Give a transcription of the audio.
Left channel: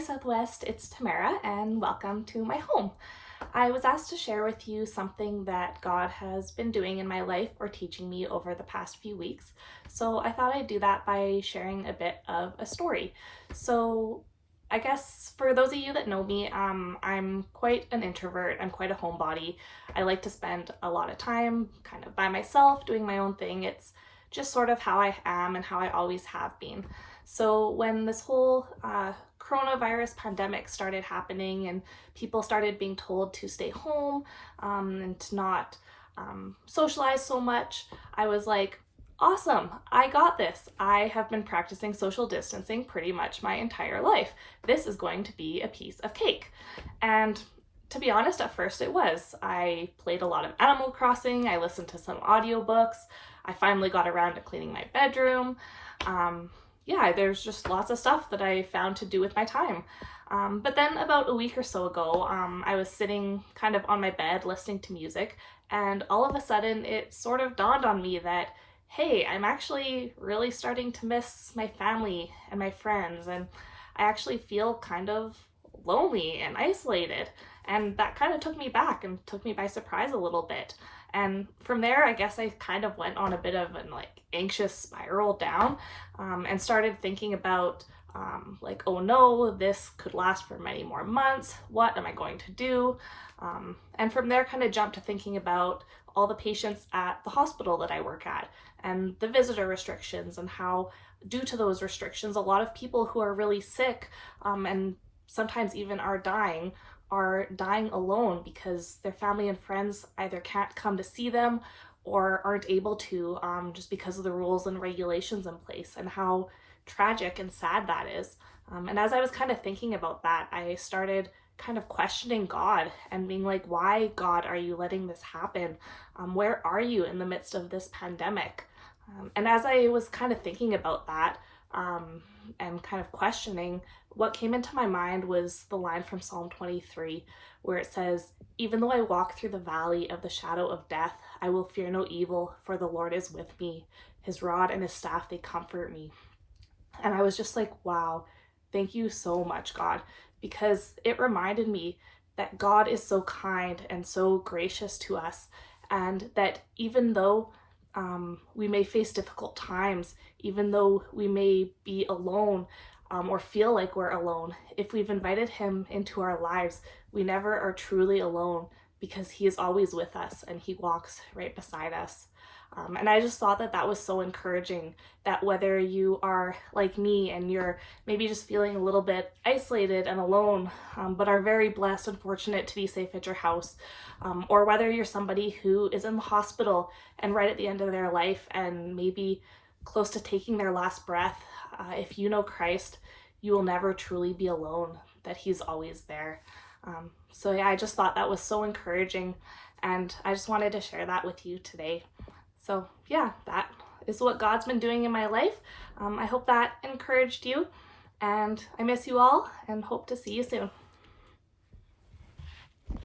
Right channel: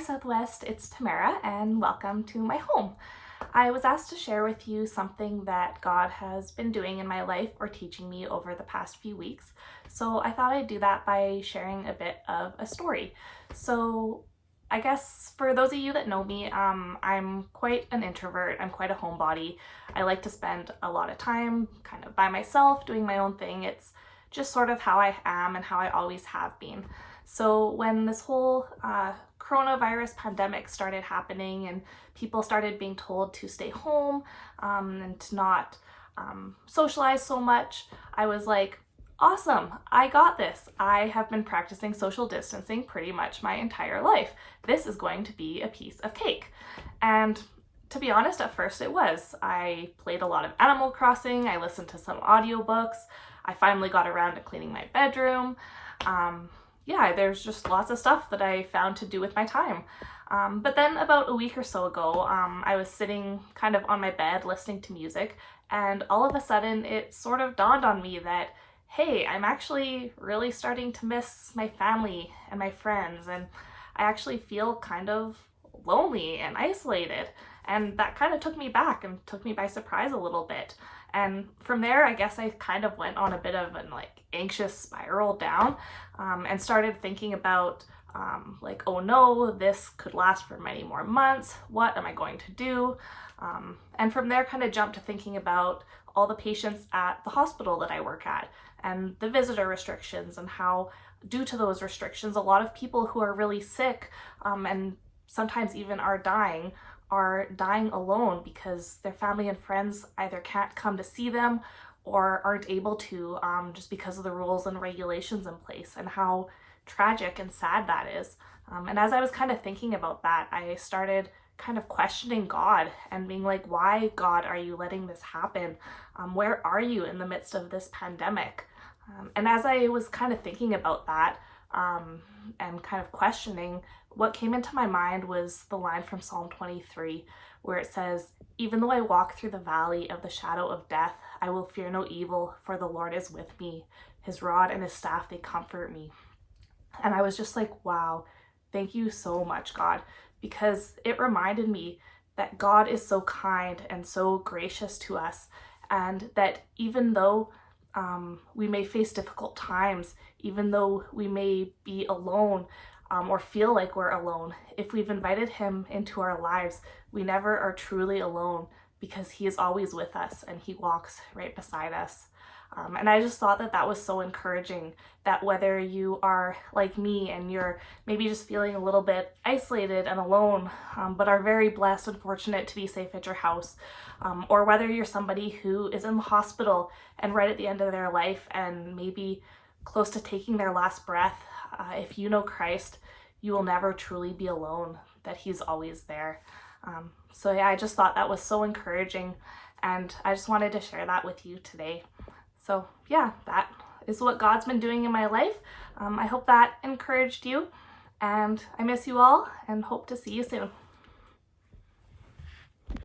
Southwest, it's Tamara, and welcome to my home. I was asked to share with you something that God has been doing in my life or teaching me over the past few weeks. So I thought I'd do that by sharing a bit of a story. So I guess for those of you that know me, I'm quite an introvert. I'm quite a homebody. I like to spend a lot of time kind of by myself doing my own thing. It's just sort of how I am and how I always have been. So when this whole coronavirus pandemic started happening and people started being told to stay home and to not socialize so much, I was like, awesome, I got this. I have been practicing social distancing pretty much my entire life. This is going to be a piece of cake. And to be honest, at first it was. I played a lot of Animal Crossing, I listened to some audiobooks, I finally got around to cleaning my bedroom. There's just lots of stuff that I found to do with my time. But then about a week or so ago, I was sitting kind of on my bed listening to music, and all of a sudden it sort of dawned on me that, hey, I'm actually really starting to miss my family and my friends, and I actually feel kind of lonely and isolated. And that kind of took me back and took me by surprise a little bit. And from there, I guess I kind of went on a bit of an anxious spiral down and started thinking about oh no, this could last for many more months. What am I going to do? And from there kind of jumped to thinking about all the patients at the hospital that I work at and the visitor restrictions, and how due to those restrictions, a lot of people who are really sick and sometimes even are dying alone because their family and friends either can't come to see them or aren't able to just because of the rules and regulations in place, and how tragic and sad that is. And as I was kind of thinking about that, I started kind of questioning God and being like, why, God, are you letting this happen? Where are you in the midst of this pandemic? And as I was kind of thinking about that and kind of questioning, what came into my mind was the line from Psalm 23, where it says, "Even though I walk through the valley of the shadow of death, I will fear no evil, for the Lord is with me. His rod and his staff, they comfort me." And I was just like, wow, thank you so much, God, because it reminded me that God is so kind and so gracious to us, and that even though we may face difficult times, even though we may be alone or feel like we're alone, if we've invited him into our lives, we never are truly alone, because he is always with us and he walks right beside us. And I just thought that that was so encouraging, that whether you are like me and you're maybe just feeling a little bit isolated and alone, but are very blessed and fortunate to be safe at your house, or whether you're somebody who is in the hospital and right at the end of their life and maybe close to taking their last breath, if you know Christ, you will never truly be alone, that he's always there. I just thought that was so encouraging, and I just wanted to share that with you today. So yeah, that is what God's been doing in my life. I hope that encouraged you, and I miss you all and hope to see you soon.